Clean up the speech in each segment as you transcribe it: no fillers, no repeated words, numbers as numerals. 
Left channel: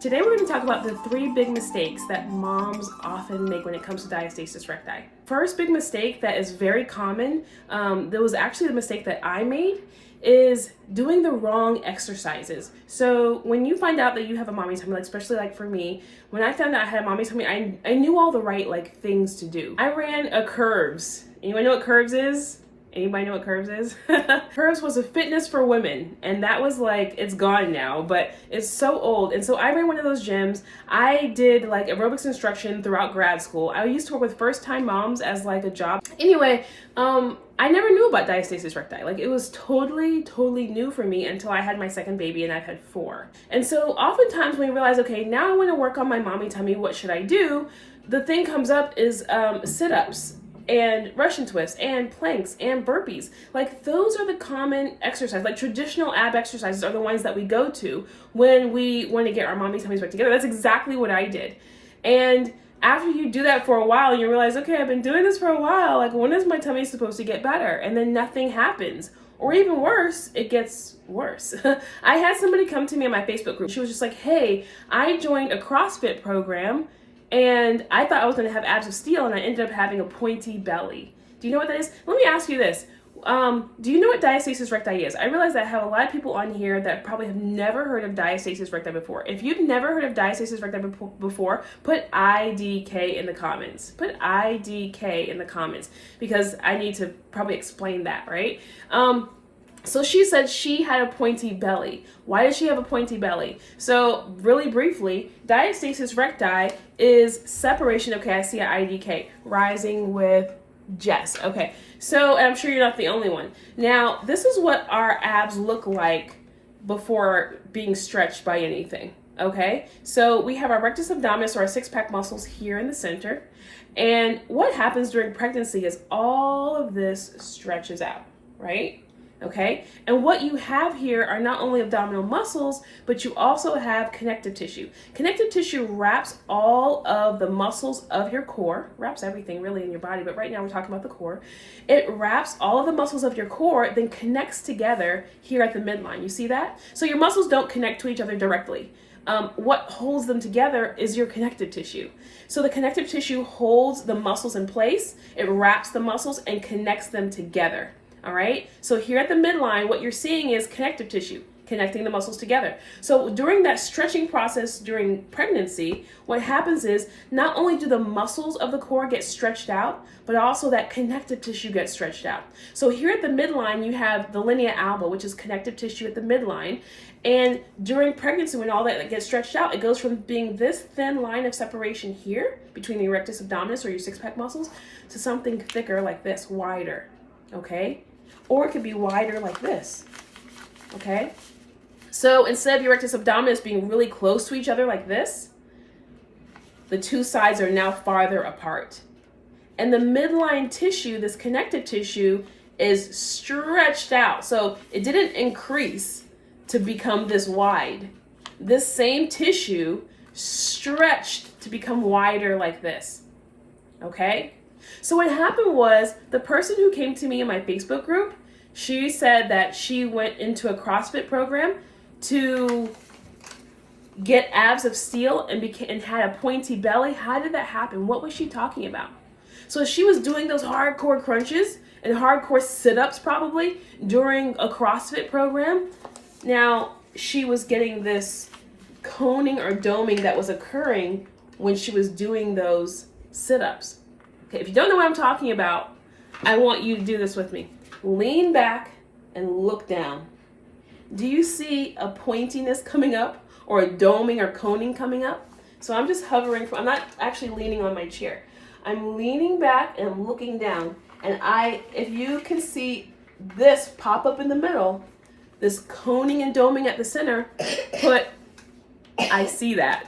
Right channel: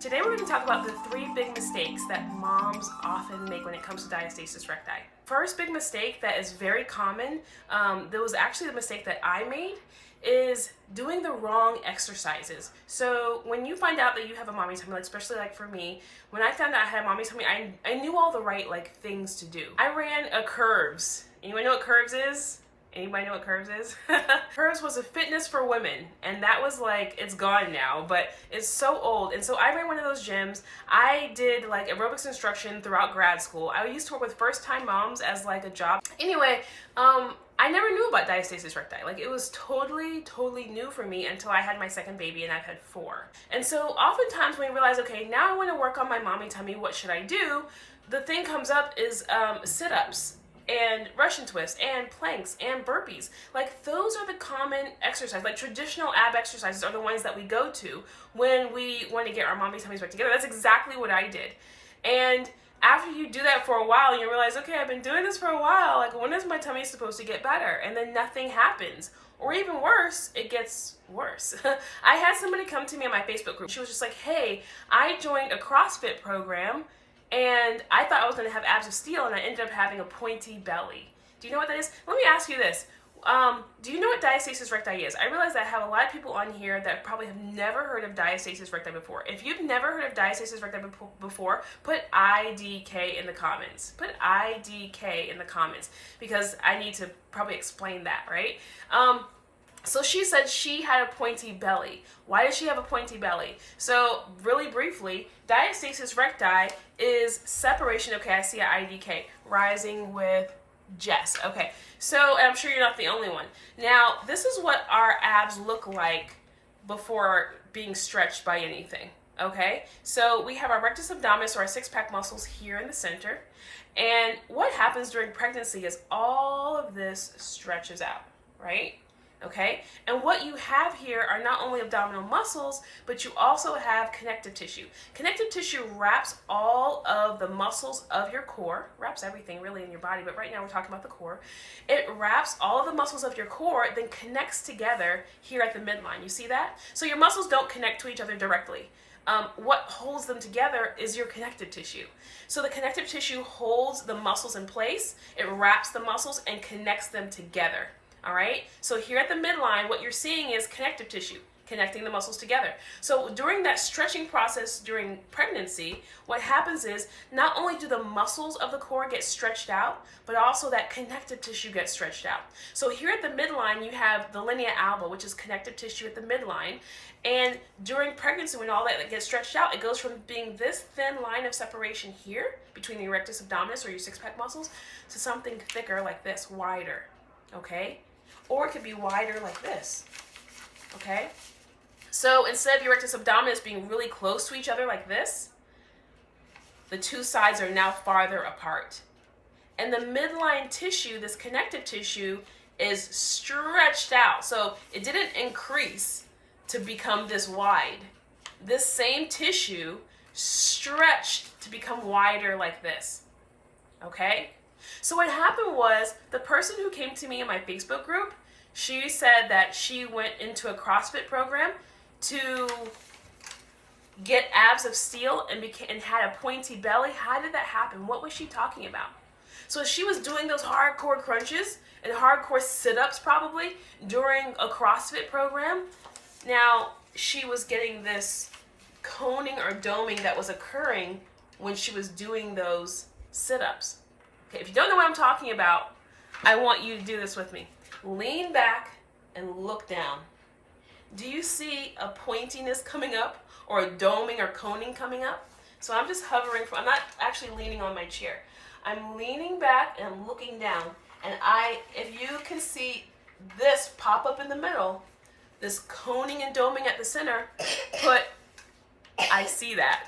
Today we're going to talk about the 3 big mistakes that moms often make when it comes to diastasis recti. First big mistake that is very common, that was actually the mistake that I made, is doing the wrong exercises. So when you find out that you have a mommy tummy, like especially like for me, when I found out I had a mommy tummy, I knew all the right things to do. I ran a curves. Anyone know what curves is? Anybody know what curves is? Curves was a fitness for women, and that was it's gone now, but it's so old. And so I ran one of those gyms. I did aerobics instruction throughout grad school. I used to work with first-time moms as a job. Anyway, I never knew about diastasis recti. It was totally new for me until I had my second baby, and I've had 4. And so oftentimes when you realize, okay, now I want to work on my mommy tummy, what should I do? The thing comes up is sit-ups and Russian twists and planks and burpees. Those are the common exercises. Traditional ab exercises are the ones that we go to when we want to get our mommy tummies back together. That's exactly what I did. And after you do that for a while, you realize, okay, I've been doing this for a while. When is my tummy supposed to get better? And then nothing happens. Or even worse, it gets worse. I had somebody come to me in my Facebook group. She was just like, hey, I joined a CrossFit program and I thought I was going to have abs of steel, and I ended up having a pointy belly. Do you know what that is? Let me ask you this. Do you know what diastasis recti is? I realize that I have a lot of people on here that probably have never heard of diastasis recti before. If you've never heard of diastasis recti before, put IDK in the comments. Put IDK in the comments, because I need to probably explain that, right? So she said she had a pointy belly. Why does she have a pointy belly? So really briefly, diastasis recti is separation. Okay, I see an IDK, rising with Jess. Okay, so I'm sure you're not the only one. Now, this is what our abs look like before being stretched by anything. Okay, so we have our rectus abdominis, or our 6-pack muscles, here in the center. And what happens during pregnancy is all of this stretches out, right? Okay, and what you have here are not only abdominal muscles, but you also have connective tissue. Connective tissue wraps all of the muscles of your core, wraps everything really in your body, but right now we're talking about the core. It wraps all of the muscles of your core, then connects together here at the midline. You see that? So your muscles don't connect to each other directly. What holds them together is your connective tissue. So the connective tissue holds the muscles in place, it wraps the muscles and connects them together. All right, so here at the midline, what you're seeing is connective tissue connecting the muscles together. So during that stretching process during pregnancy, what happens is not only do the muscles of the core get stretched out, but also that connective tissue gets stretched out. So here at the midline, you have the linea alba, which is connective tissue at the midline. And during pregnancy, when all that gets stretched out, it goes from being this thin line of separation here between the rectus abdominis, or your 6-pack muscles, to something thicker like this, wider, okay? Or it could be wider like this, okay? So instead of your rectus abdominis being really close to each other like this, the 2 sides are now farther apart. And the midline tissue, this connective tissue, is stretched out. So it didn't increase to become this wide. This same tissue stretched to become wider like this, okay? So what happened was, the person who came to me in my Facebook group, she said that she went into a CrossFit program to get abs of steel and had a pointy belly. How did that happen? What was she talking about? So she was doing those hardcore crunches and hardcore sit-ups probably during a CrossFit program. Now, she was getting this coning or doming that was occurring when she was doing those sit-ups. Okay, if you don't know what I'm talking about, I want you to do this with me. Lean back and look down. Do you see a pointiness coming up, or a doming or coning coming up? So I'm just hovering, I'm not actually leaning on my chair. I'm leaning back and I'm looking down. And if you can see this pop up in the middle, this coning and doming at the center, I see that.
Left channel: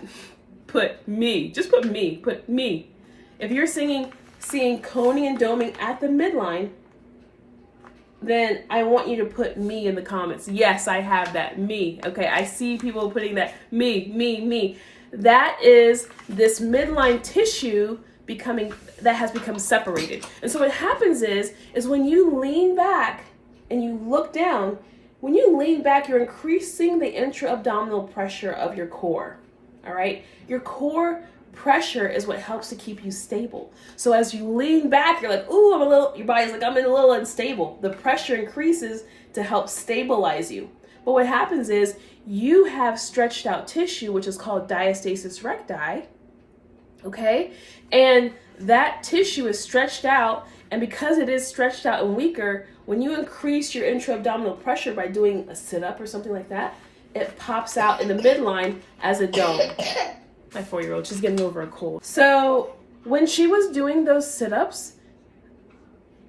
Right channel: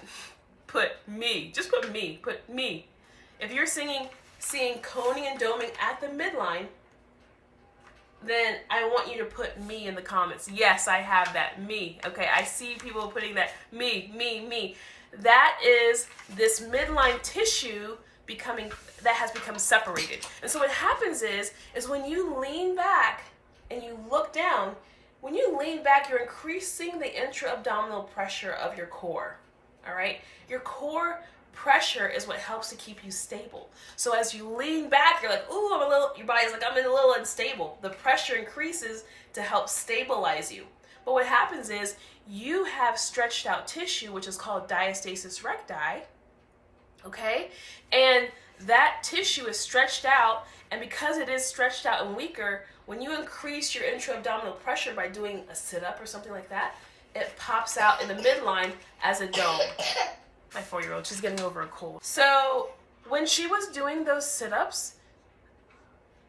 Put me, just put me, put me. If you're seeing coning and doming at the midline, then I want you to put me in the comments. Yes, I have that, me. Okay, I see people putting that, me. That is this midline tissue that has become separated. And so what happens is when you lean back and you look down, when you lean back, you're increasing the intra-abdominal pressure of your core. all right? Your core pressure is what helps to keep you stable. So as you lean back, you're like, ooh, your body's like, I'm a little unstable. The pressure increases to help stabilize you. But what happens is you have stretched out tissue, which is called diastasis recti, okay? And that tissue is stretched out, and because it is stretched out and weaker, when you increase your intra-abdominal pressure by doing a sit-up or something like that, it pops out in the midline as a dome. My 4-year-old, she's getting over a cold. So when she was doing those sit-ups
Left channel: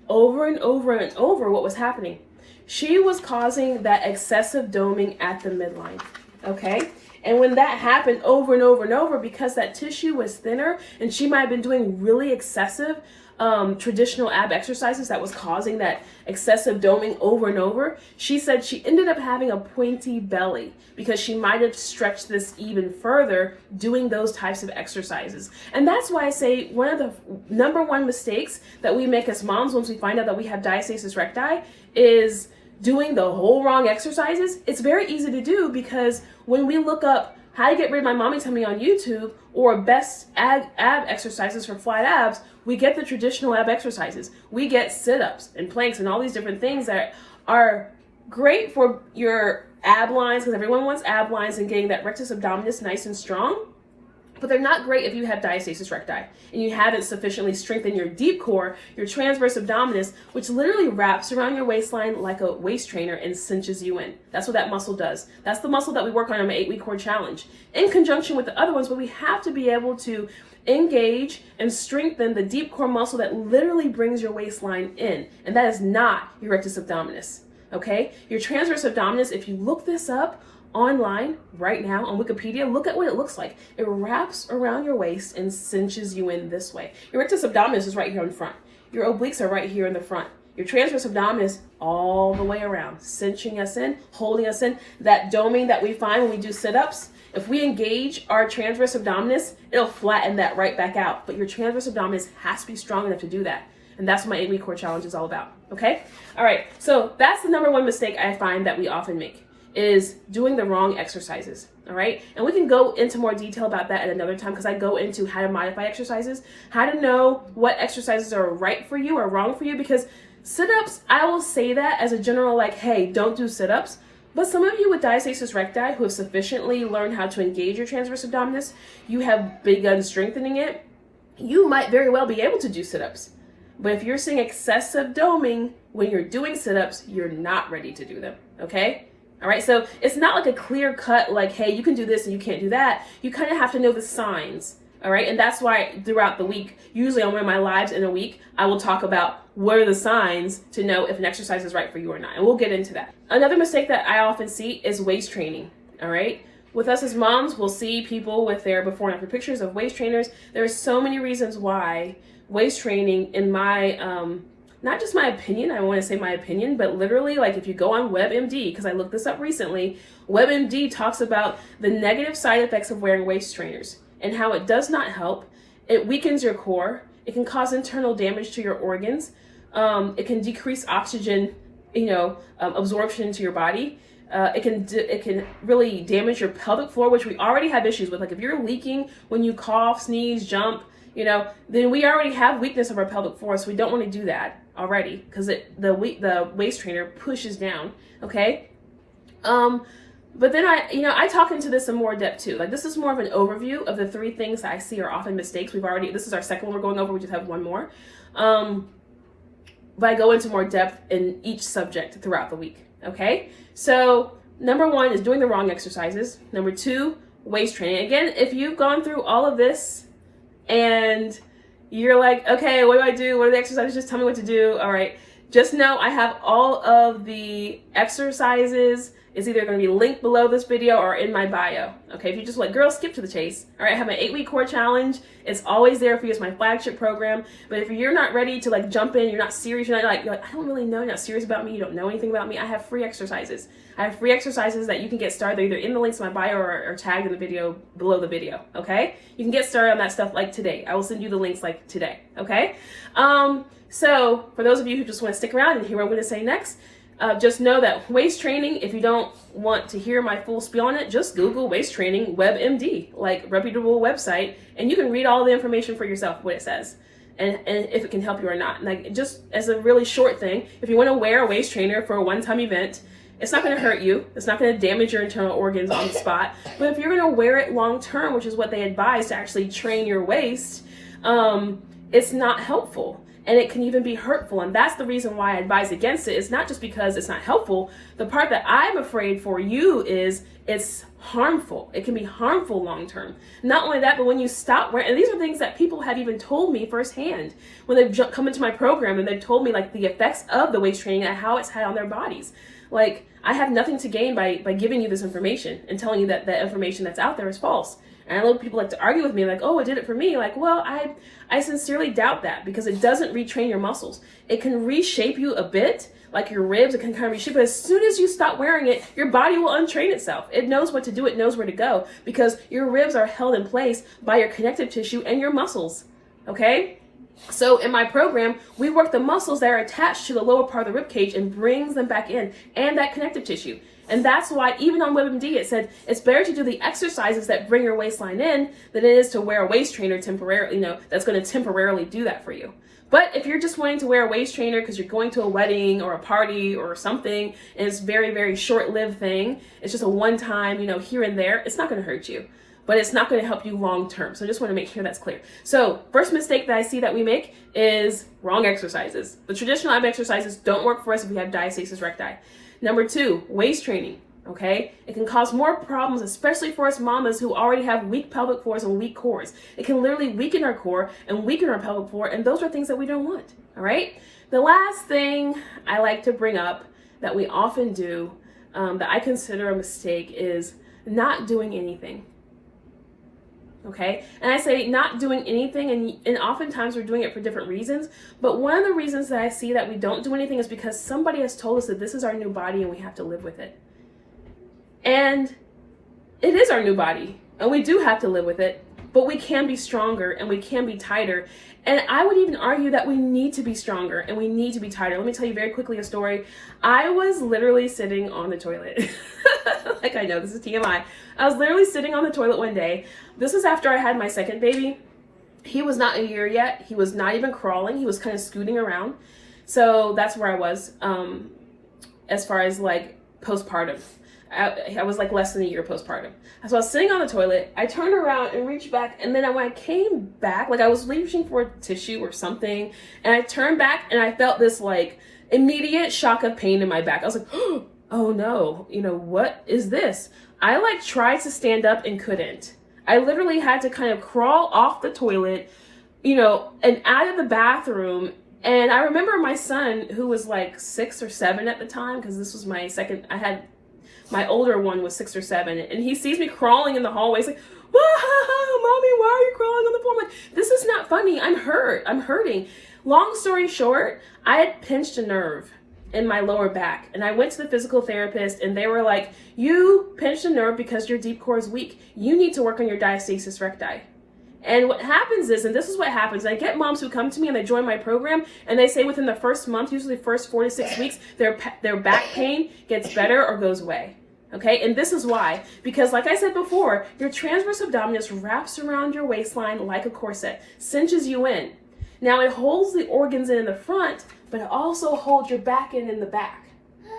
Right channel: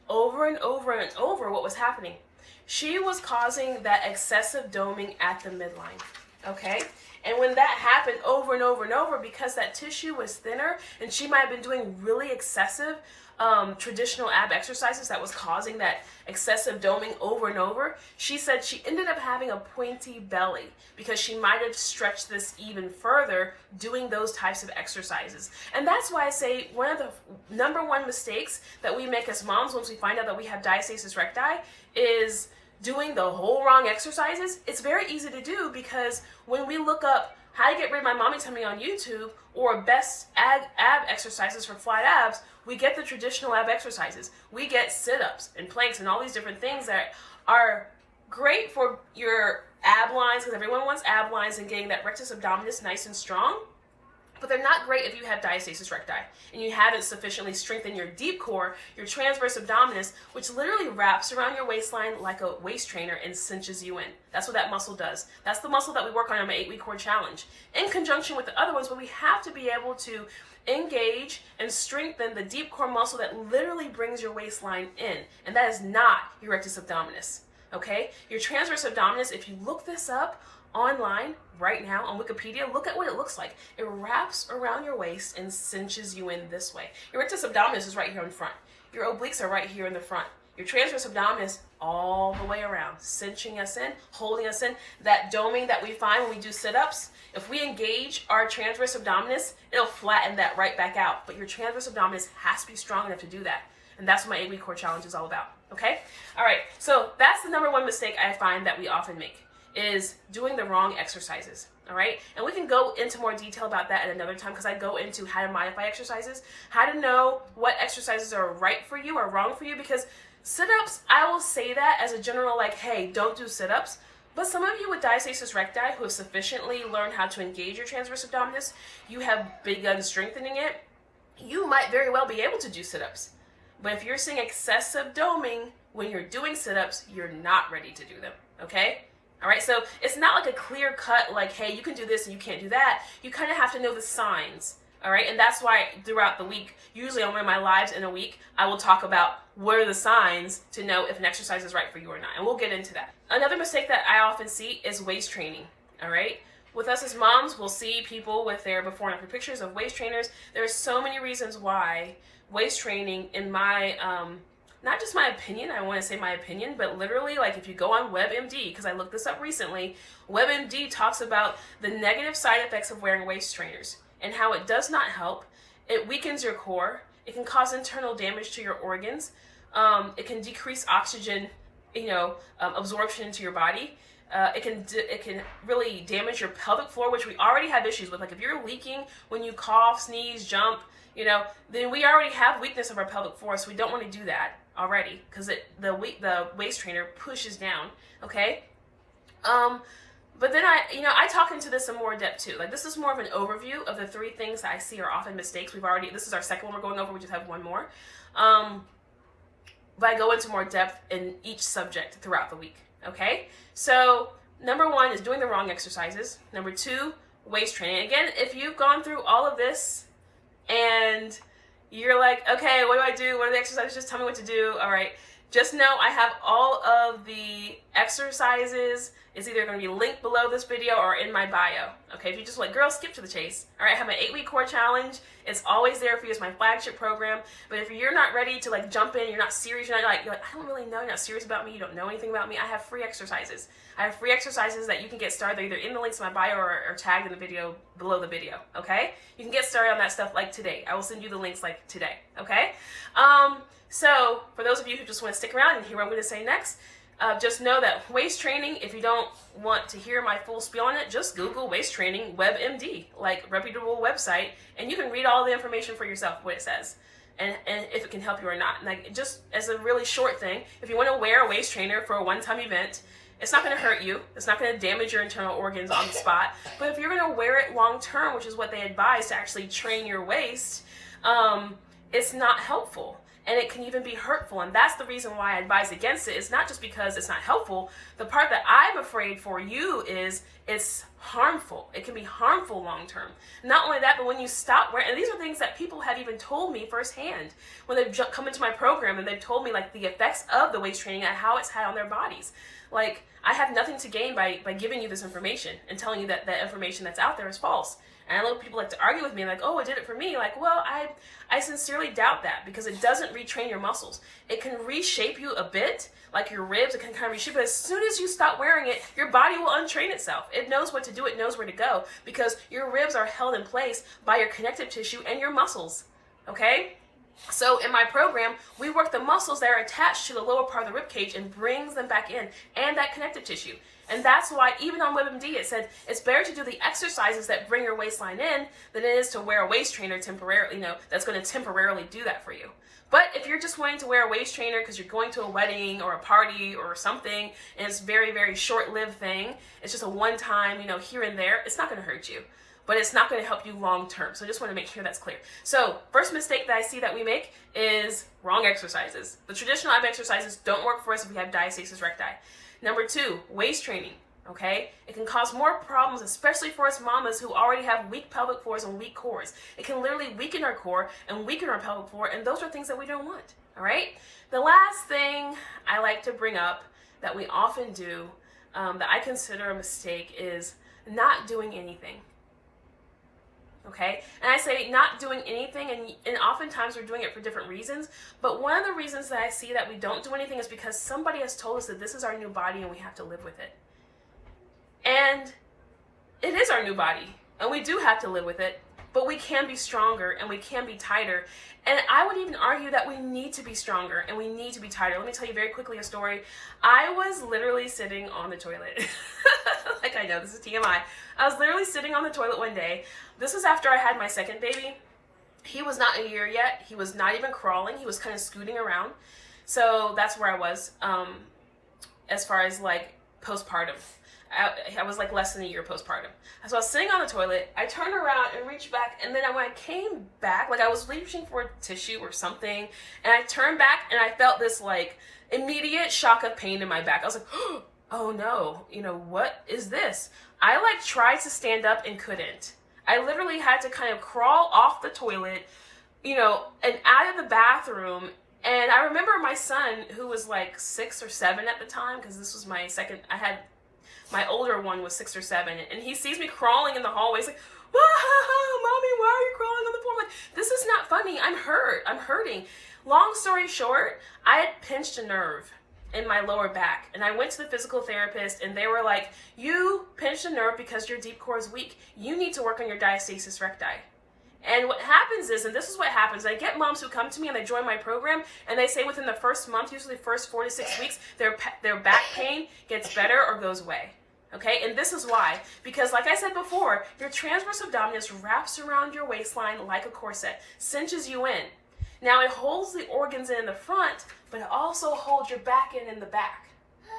over and over and over, what was happening? She was causing that excessive doming at the midline, okay? And when that happened over and over and over, because that tissue was thinner and she might have been doing really excessive traditional ab exercises that was causing that excessive doming over and over, she said she ended up having a pointy belly because she might have stretched this even further doing those types of exercises. And that's why I say one of the number one mistakes that we make as moms once we find out that we have diastasis recti is doing the whole wrong exercises. It's very easy to do because when we look up how to get rid of my mommy tummy on YouTube or best ab exercises for flat abs, we get the traditional ab exercises. We get sit-ups and planks and all these different things that are great for your ab lines, because everyone wants ab lines and getting that rectus abdominis nice and strong. But they're not great if you have diastasis recti and you haven't sufficiently strengthened your deep core, your transverse abdominis, which literally wraps around your waistline like a waist trainer and cinches you in. That's what that muscle does. That's the muscle that we work on my 8-week core challenge in conjunction with the other ones, but we have to be able to engage and strengthen the deep core muscle that literally brings your waistline in. And that is not your rectus abdominis, okay? Your transverse abdominis, if you look this up online right now on Wikipedia, look at what it looks like. It wraps around your waist and cinches you in this way. Your rectus abdominis is right here in front. Your obliques are right here in the front. Your transverse abdominis all the way around, cinching us in, holding us in. That doming that we find when we do sit-ups, if we engage our transverse abdominis, it'll flatten that right back out. But your transverse abdominis has to be strong enough to do that. And that's what my 8-week core challenge is all about, okay? All right, so that's the number one mistake I find that we often make, is doing the wrong exercises, all right? And we can go into more detail about that at another time, because I go into how to modify exercises, how to know what exercises are right for you or wrong for you, because sit-ups, I will say that as a general, like, hey, don't do sit-ups. But some of you with diastasis recti who have sufficiently learned how to engage your transverse abdominis, you have begun strengthening it, you might very well be able to do sit-ups. But if you're seeing excessive doming when you're doing sit-ups, you're not ready to do them, okay? All right, so it's not like a clear cut, like, hey, you can do this and you can't do that. You kind of have to know the signs, all right? And that's why throughout the week, usually on one of my lives in a week, I will talk about what are the signs to know if an exercise is right for you or not. And we'll get into that. Another mistake that I often see is waist training, all right? With us as moms, we'll see people with their before and after pictures of waist trainers. There's so many reasons why waist training, in my, not just my opinion, I want to say my opinion, but literally, like, if you go on WebMD, because I looked this up recently, WebMD talks about the negative side effects of wearing waist trainers and how it does not help. It weakens your core. It can cause internal damage to your organs. It can decrease oxygen, absorption into your body. It can really damage your pelvic floor, which we already have issues with. Like, if you're leaking when you cough, sneeze, jump, then we already have weakness of our pelvic floor, so we don't want to do that already, because the waist trainer pushes down, okay? But then I talk into this in more depth too. Like, this is more of an overview of the 3 things that I see are often mistakes. This is our second one we're going over, we just have one more. But I go into more depth in each subject throughout the week, okay? So number 1 is doing the wrong exercises. Number 2, waist training. Again, if you've gone through all of this and you're like, okay, what do I do? What are the exercises? Just tell me what to do. All right. Just know I have all of the exercises. It's either going to be linked below this video or in my bio. Okay. If you just like, girl, skip to the chase. All right. I have my 8-week core challenge. It's always there for you. It's my flagship program. But if you're not ready to like jump in, you're not serious, you're like, I don't really know. You're not serious about me. You don't know anything about me. I have free exercises. I have free exercises that you can get started. They're either in the links in my bio or tagged in the video below the video. Okay. You can get started on that stuff like today. I will send you the links like today. Okay. So for those of you who just want to stick around and hear what I'm going to say next, just know that waist training, if you don't want to hear my full spiel on it, just Google waist training WebMD, like reputable website, and you can read all the information for yourself, what it says, and if it can help you or not. Like, just as a really short thing, if you want to wear a waist trainer for a one-time event, it's not going to hurt you. It's not going to damage your internal organs on the spot. But if you're going to wear it long term, which is what they advise to actually train your waist, it's not helpful. And it can even be hurtful. And that's the reason why I advise against it. It's not just because it's not helpful. The part that I'm afraid for you is it's harmful. It can be harmful long term. Not only that, but when you stop wearing, and these are things that people have even told me firsthand when they've come into my program and they've told me like the effects of the waist training and how it's had on their bodies. Like, I have nothing to gain by giving you this information and telling you that the information that's out there is false. And I know people like to argue with me like, oh, it did it for me. Like, well, I sincerely doubt that, because it doesn't retrain your muscles. It can reshape you a bit, like your ribs, it can kind of reshape, but as soon as you stop wearing it, your body will untrain itself. It knows what to do, it knows where to go, because your ribs are held in place by your connective tissue and your muscles, okay? So in my program, we work the muscles that are attached to the lower part of the rib cage and brings them back in, and that connective tissue. And that's why even on WebMD it said it's better to do the exercises that bring your waistline in than it is to wear a waist trainer temporarily, that's going to temporarily do that for you. But if you're just wanting to wear a waist trainer because you're going to a wedding or a party or something, and it's very, very short-lived thing, it's just a one-time, here and there, it's not going to hurt you. But it's not going to help you long term. So I just want to make sure that's clear. So first mistake that I see that we make is wrong exercises. The traditional ab exercises don't work for us if we have diastasis recti. Number 2, waist training, okay? It can cause more problems, especially for us mamas who already have weak pelvic floors and weak cores. It can literally weaken our core and weaken our pelvic floor, and those are things that we don't want, all right? The last thing I like to bring up that we often do that I consider a mistake is not doing anything. Okay, and I say not doing anything, and oftentimes we're doing it for different reasons, but one of the reasons that I see that we don't do anything is because somebody has told us that this is our new body and we have to live with it. And it is our new body, and we do have to live with it, but we can be stronger and we can be tighter. And I would even argue that we need to be stronger and we need to be tighter. Let me tell you very quickly a story. I was literally sitting on the toilet. Like, I know this is TMI. I was literally sitting on the toilet one day. This was after I had my second baby. He was not a year yet. He was not even crawling. He was kind of scooting around. So that's where I was as far as like postpartum. I was like less than a year postpartum. So I was sitting on the toilet. I turned around and reached back, and then when I came back, like I was reaching for a tissue or something, and I turned back and I felt this like immediate shock of pain in my back. I was like, oh no, what is this? I like tried to stand up and couldn't. I literally had to kind of crawl off the toilet, and out of the bathroom. And I remember my son, who was like 6 or 7 at the time, because this was my second, my older one was 6 or 7, and he sees me crawling in the hallway. He's like, Mommy, why are you crawling on the floor? I'm like, this is not funny. I'm hurt. I'm hurting. Long story short, I had pinched a nerve in my lower back, and I went to the physical therapist, and they were like, you pinched a nerve because your deep core is weak. You need to work on your diastasis recti. And what happens is, and this is what happens, I get moms who come to me and they join my program, and they say within the first month, usually the first 4 to 6 weeks, their back pain gets better or goes away. Okay, and this is why, because like I said before, your transverse abdominis wraps around your waistline like a corset, cinches you in. Now it holds the organs in the front, but it also holds your back in the back.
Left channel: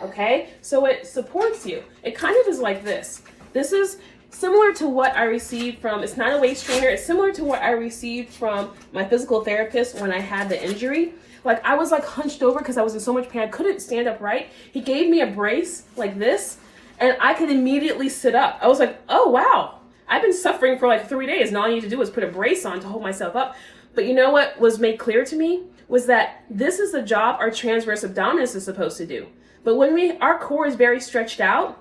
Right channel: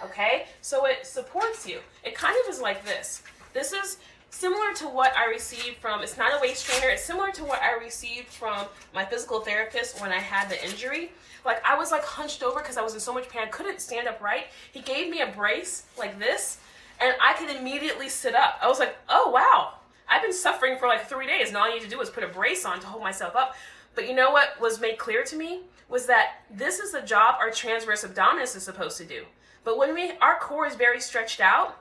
Okay, so it supports you. It kind of is like this. This is similar to what I received from, it's not a waist trainer, it's similar to what I received from my physical therapist when I had the injury. Like, I was like hunched over because I was in so much pain, I couldn't stand up right. He gave me a brace like this, and I could immediately sit up. I was like, oh wow, I've been suffering for like 3 days, and all I need to do is put a brace on to hold myself up. But you know what was made clear to me was that this is the job our transverse abdominis is supposed to do. But when our core is very stretched out,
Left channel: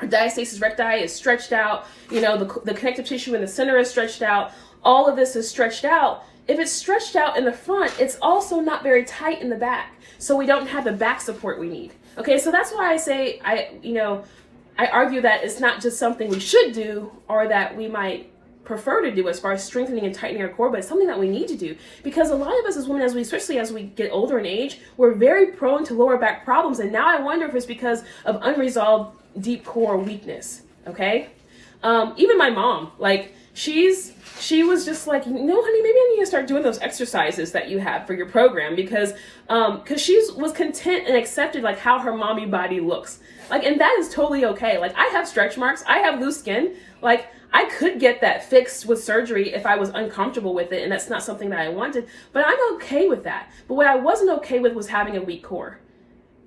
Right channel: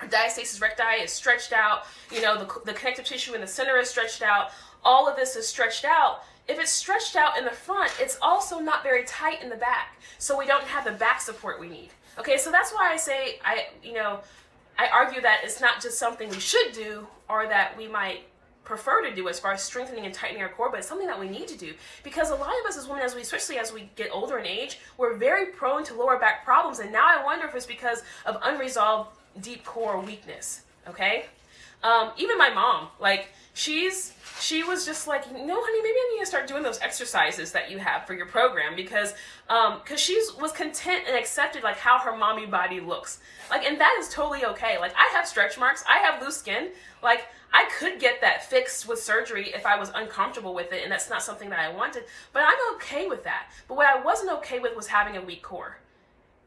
our diastasis recti is stretched out, the connective tissue in the center is stretched out, all of this is stretched out. If it's stretched out in the front, it's also not very tight in the back. So we don't have the back support we need. Okay, so that's why I say, I argue that it's not just something we should do or that we might prefer to do as far as strengthening and tightening our core, but it's something that we need to do, because a lot of us as women, especially as we get older in age, we're very prone to lower back problems. And now I wonder if it's because of unresolved deep core weakness. Okay. Even my mom, like, she was just like, honey, maybe I need to start doing those exercises that you have for your program, because she was content and accepted like how her mommy body looks. Like, and that is totally okay. Like, I have stretch marks, I have loose skin. Like, I could get that fixed with surgery if I was uncomfortable with it, and that's not something that I wanted, but I'm okay with that. But what I wasn't okay with was having a weak core.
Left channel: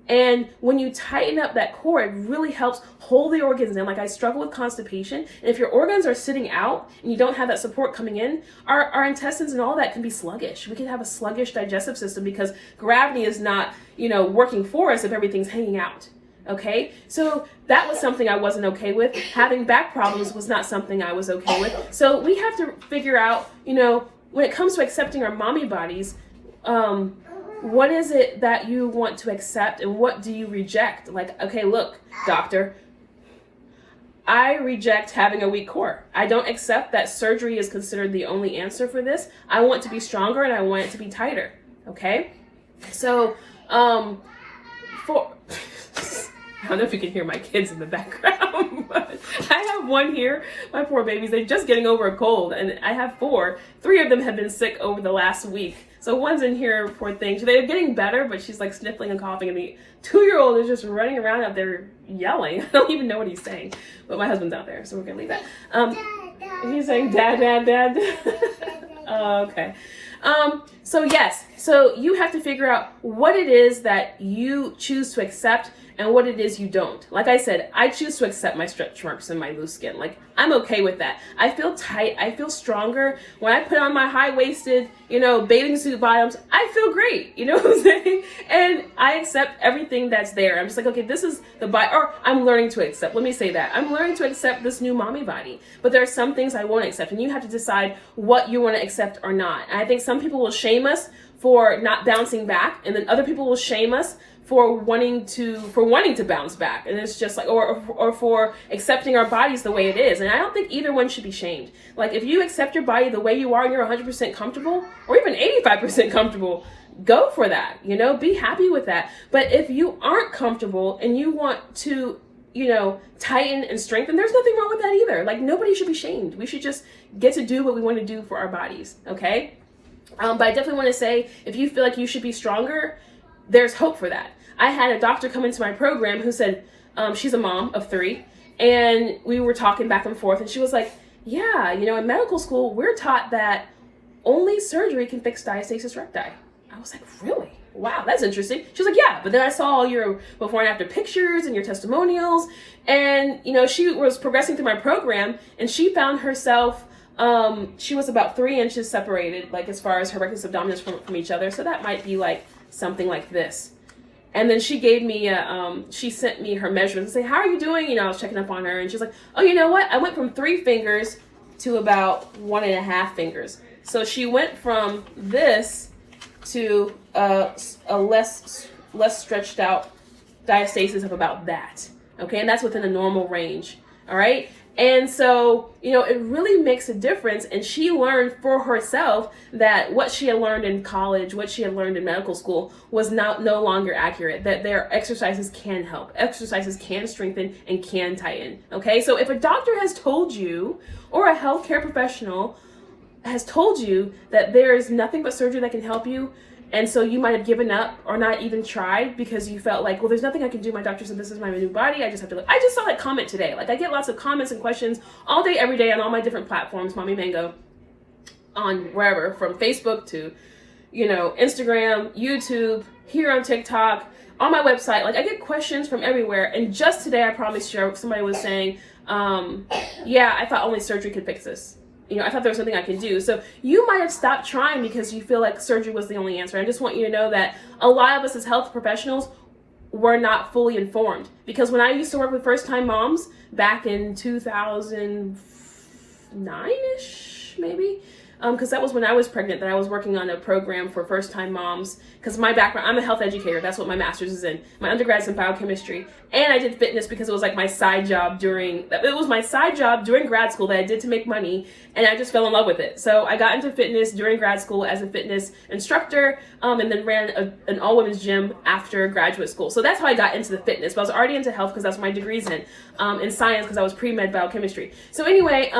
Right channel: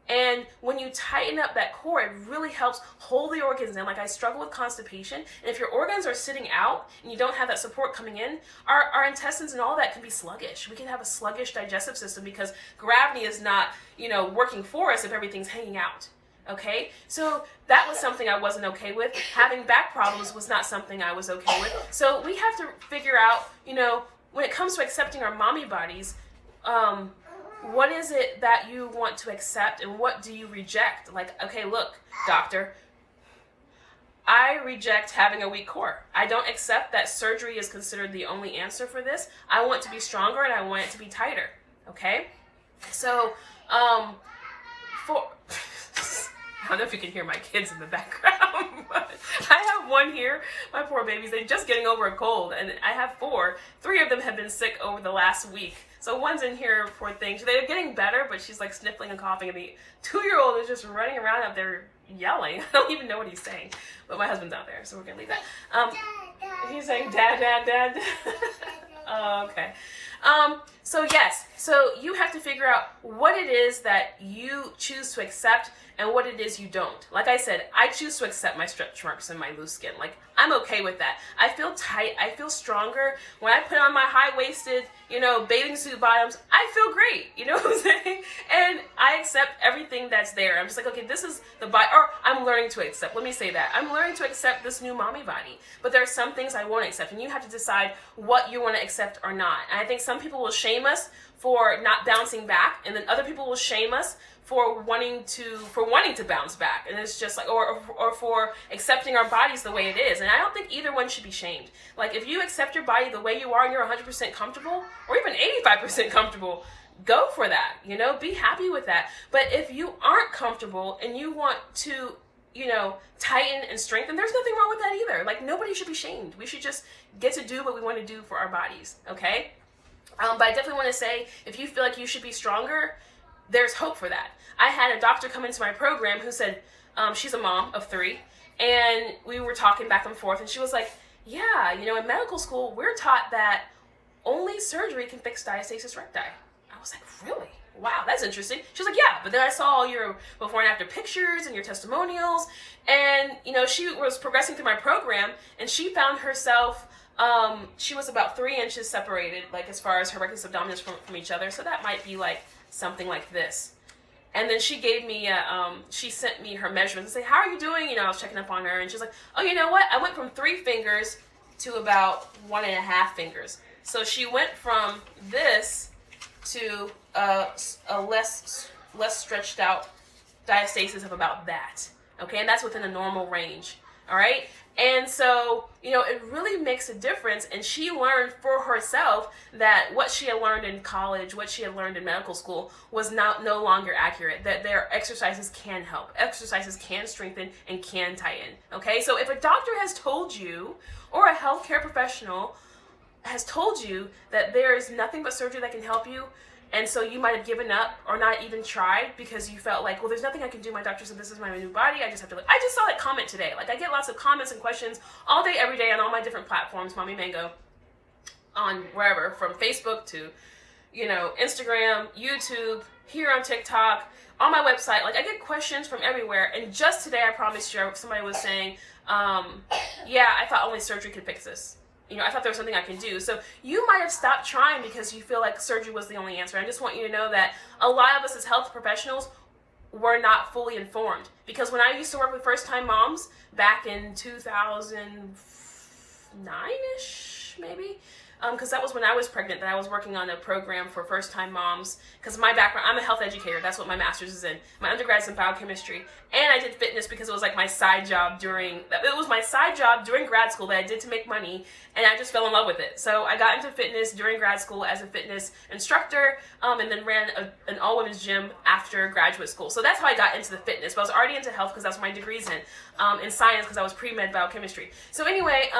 And when you tighten up that core, it really helps hold the organs in. Like, I struggle with constipation, and if your organs are sitting out and you don't have that support coming in, our intestines and all that can be sluggish. We can have a sluggish digestive system because gravity is not, working for us if everything's hanging out. Okay, so that was something I wasn't okay with. Having back problems was not something I was okay with. So we have to figure out, when it comes to accepting our mommy bodies, what is it that you want to accept and what do you reject? Like, okay, look, doctor, I reject having a weak core. I don't accept that surgery is considered the only answer for this. I want to be stronger and I want it to be tighter. Okay, so I don't know if you can hear my kids in the background, but I have one here, my poor babies. They're just getting over a cold, and I have 4. 3 of them have been sick over the last week. So one's in here, poor thing. They're getting better, but she's like sniffling and coughing, and the 2-year-old is just running around up there yelling. I don't even know what he's saying, but my husband's out there, so we're gonna leave that. He's saying, dad, dad, dad. Okay. So yes, so you have to figure out what it is that you choose to accept and what it is you don't. Like I said, I choose to accept my stretch marks and my loose skin. Like, I'm okay with that. I feel tight, I feel stronger. When I put on my high-waisted, bathing suit bottoms, I feel great, you know what I'm saying? And I accept everything that's there. I'm just like, okay, this is the body, or I'm learning to accept, let me say that. I'm learning to accept this new mommy body, but there are some things I won't accept, and you have to decide what you want to accept or not. And I think some people will shame us for not bouncing back, and then other people will shame us for wanting to bounce back, and it's just like, or for accepting our bodies the way it is. And I don't think either one should be shamed. Like, if you accept your body the way you are and you're 100% comfortable, or even 85% comfortable, go for that. Be happy with that. But if you aren't comfortable and you want to, tighten and strengthen, there's nothing wrong with that either. Like, nobody should be shamed. We should just get to do what we want to do for our bodies. Okay. But I definitely want to say, if you feel like you should be stronger, there's hope for that. I had a doctor come into my program who said, she's a mom of 3, and we were talking back and forth, and she was like, yeah, in medical school, we're taught that only surgery can fix diastasis recti. I was like, really? Wow, that's interesting. She was like, yeah, but then I saw all your before and after pictures and your testimonials, and, she was progressing through my program, and she found herself, she was about 3 inches separated, like, as far as her rectus abdominis from each other, so that might be like something like this. And then she gave me, she sent me her measurements and say, how are you doing? I was checking up on her, and she's like, oh, you know what? I went from 3 fingers to about 1.5 fingers. So she went from this to a less stretched out diastasis of about that. Okay, and that's within a normal range. All right. And so, it really makes a difference. And she learned for herself that what she had learned in college, what she had learned in medical school was no longer accurate, that their exercises can help. Exercises can strengthen and can tighten. Okay, so if a doctor has told you, or a healthcare professional has told you that there is nothing but surgery that can help you, and so you might have given up or not even tried because you felt like, well, there's nothing I can do. My doctor said this is my new body. I just have to look. I just saw that comment today. Like, I get lots of comments and questions all day, every day on all my different platforms, Mommy Mango, on wherever, from Facebook to, Instagram, YouTube, here on TikTok, on my website. Like, I get questions from everywhere. And just today, I promise you, somebody was saying, yeah, I thought only surgery could fix this. I thought there was something I could do. So you might have stopped trying because you feel like surgery was the only answer. I just want you to know that a lot of us as health professionals were not fully informed. Because when I used to work with first-time moms back in 2009-ish, maybe. Because that was when I was pregnant that I was working on a program for first-time moms. Because my background, I'm a health educator. That's what my master's is in. My undergrad's in biochemistry. And I did fitness because it was like my side job during grad school that I did to make money. And I just fell in love with it. So I got into fitness during grad school as a fitness instructor, and then ran an all-women's gym after graduate school. So that's how I got into the fitness. But I was already into health because that's what my degree's in science because I was pre-med biochemistry. So anyway,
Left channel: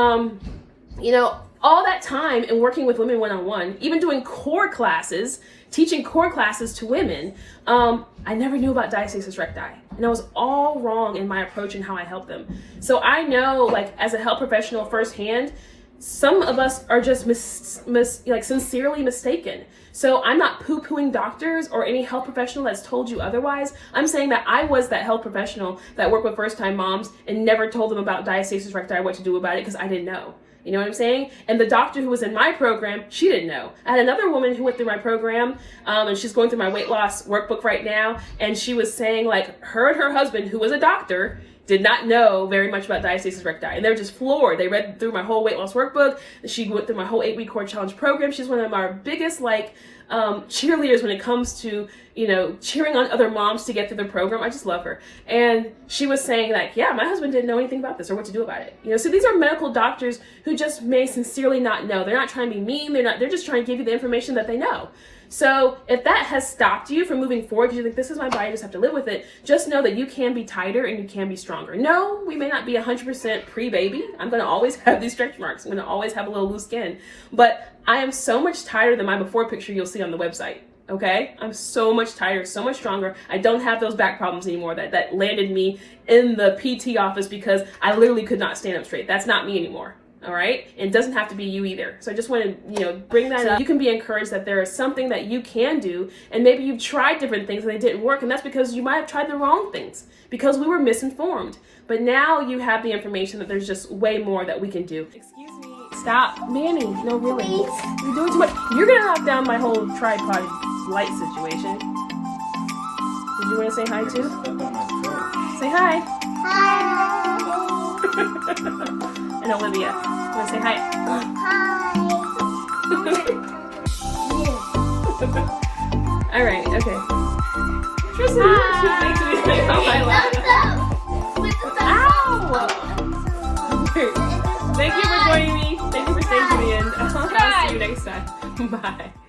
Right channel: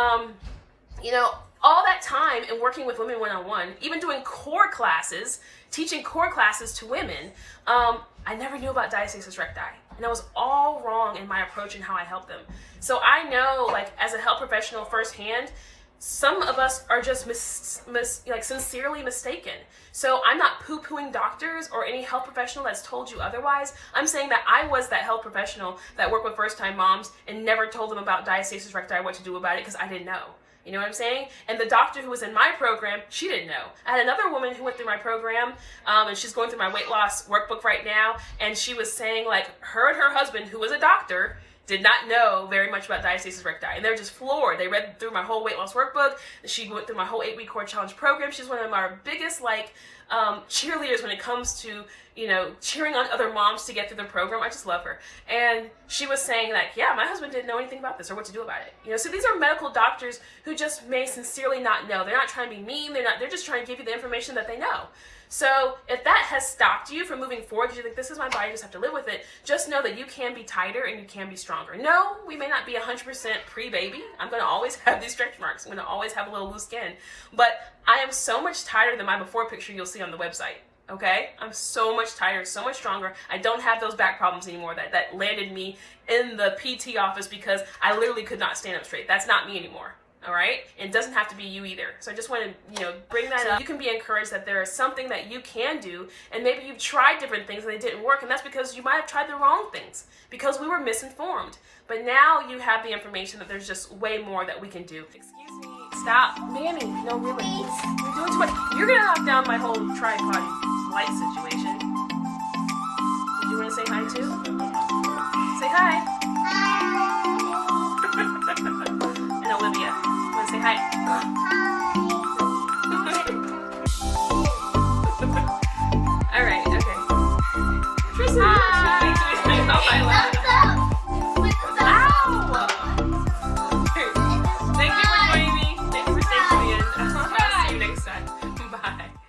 you know, all that time in working with women one-on-one, even doing core classes, teaching core classes to women, I never knew about diastasis recti. And I was all wrong in my approach and how I help them. So I know, like, as a health professional firsthand, some of us are just sincerely mistaken. So I'm not poo-pooing doctors or any health professional that's told you otherwise. I'm saying that I was that health professional that worked with first-time moms and never told them about diastasis recti or what to do about it because I didn't know. You know what I'm saying? And the doctor who was in my program, she didn't know. I had another woman who went through my program, and she's going through my weight loss workbook right now, and she was saying, like, her and her husband, who was a doctor, did not know very much about diastasis recti, and they were just floored. They read through my whole weight loss workbook. She went through my whole 8-week core challenge program. She's one of our biggest, like, cheerleaders when it comes to, you know, cheering on other moms to get through the program. I just love her. And she was saying, like, yeah, my husband didn't know anything about this or what to do about it. You know, so these are medical doctors who just may sincerely not know. They're not trying to be mean. They're just trying to give you the information that they know. So if that has stopped you from moving forward because you think this is my body, I just have to live with it, just know that you can be tighter and you can be stronger. No, we may not be 100% pre-baby. I'm going to always have these stretch marks. I'm going to always have a little loose skin. But I am so much tighter than my before picture you'll see on the website. Okay? I'm so much tighter, so much stronger. I don't have those back problems anymore that landed me in the PT office because I literally could not stand up straight. That's not me anymore. All right? It doesn't have to be you either. So I just want to, you know, bring that up. You can be encouraged that there is something that you can do, and maybe you've tried different things and they didn't work, and that's because you might have tried the wrong things because we were misinformed. But now you have the information that there's just way more that we can do. Excuse me. Stop. Manny. No, really. You're doing too much. You're going to knock down my whole tripod light situation. Did you want to say hi too? Say hi. Hi. And Olivia. Want to say hi? All right, okay. Tristan, thank you. Thank you for joining me. Thank you for thanking me, and I'll see you next time. Bye.